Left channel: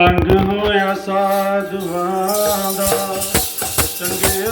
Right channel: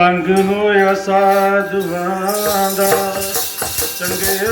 ਸੰਗ ਹੋਇਆ ਸਾਧੂਆਂ ਦਾ ਚੰਗੇ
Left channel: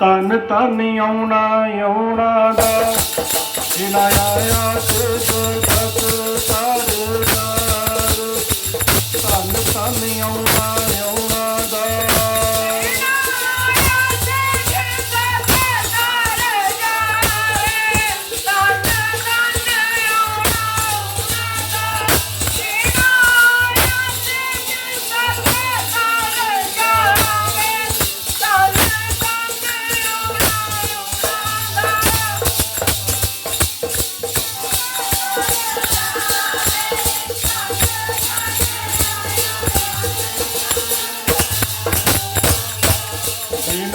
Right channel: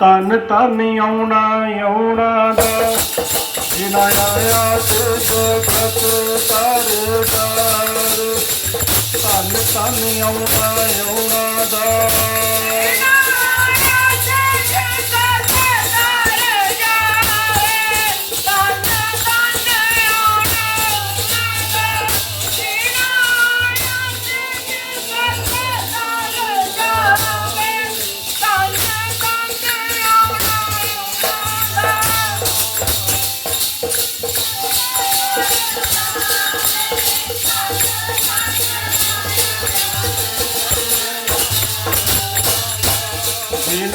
ਤਨ ਤਨ ਆਉਣਾ ਆਉਣਾ ਦਾ ਜਿਨਾ ਆਇਆ ਤੇ ਜਗਤ ਸਰਦਾਰ ਤਨ ਤਨ ਆਉਣਾ ਆਉਣਾ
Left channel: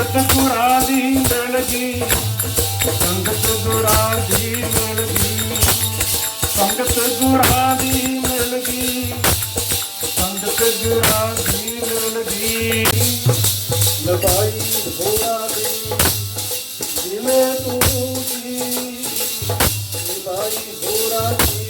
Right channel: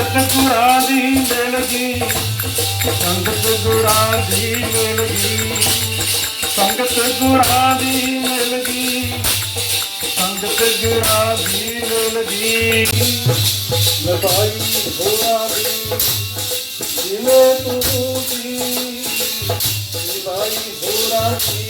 ਸੰਗਤ ਗੁਰਾ ਦੀ ਮਿਲ ਗਈ। ਸੰਗਤ ਗੁਰਾ ਦੀ ਮਿਲ ਗਈ। ਸੰਗਤ ਗੁਰਾ ਦੀ ਮਿਲ ਗਈ। ਸੰਗਤ ਗੁਰਾ ਦੀ ਮਿਲ ਗਈ। ਲਬਾਈ ਹੋਣਾ ਦੀ ਜਿਨੇ ਤੂੰ ਦੀ ਲਬਾਈ ਹੋਣਾ ਦੀ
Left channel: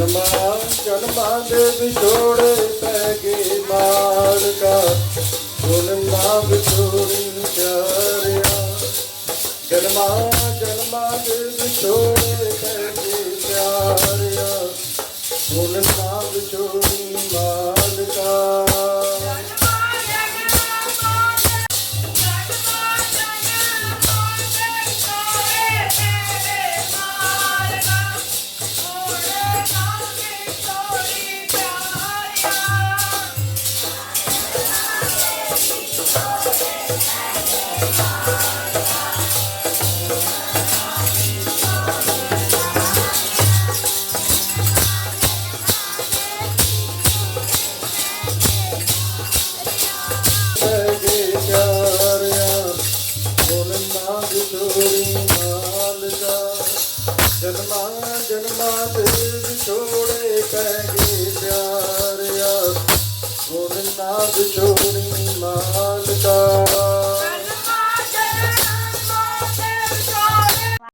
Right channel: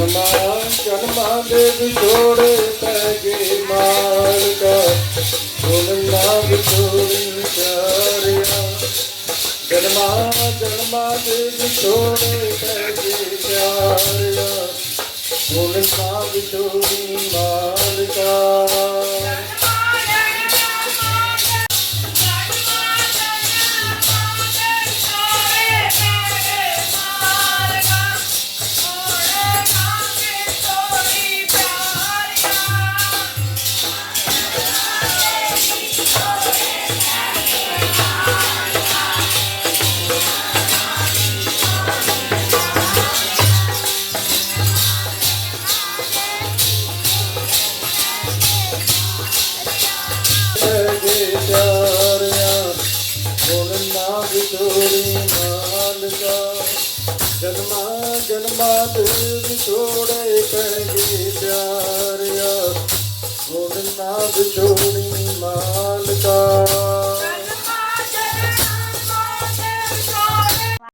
ਜਨਮਾਂ ਜਨਮਾਂ ਦੇ ਵਿਛੋੜੇ ਪੈ ਗਏ ਮਾਰਦਾ ਗੁਣ ਨਾਮ ਵਿਛੋੜੀ ਚਾਰਿਆ ਜਨਮਾਂ ਜਨਮਾਂ ਦੇ ਵਿਛੋੜੇ ਪੈ ਗਏ ਚਾਰਿਆ ਗੁਣ ਨਾਮ ਵਿਛੋੜੀ ਮਾਰਦਾ ਵਿਛੋੜੇ ਕਹਿ ਪਿਆਰਿਆ। ਗੁਣ ਨਾ ਵਿਛੋੜੀ ਮਾਲਕਾ।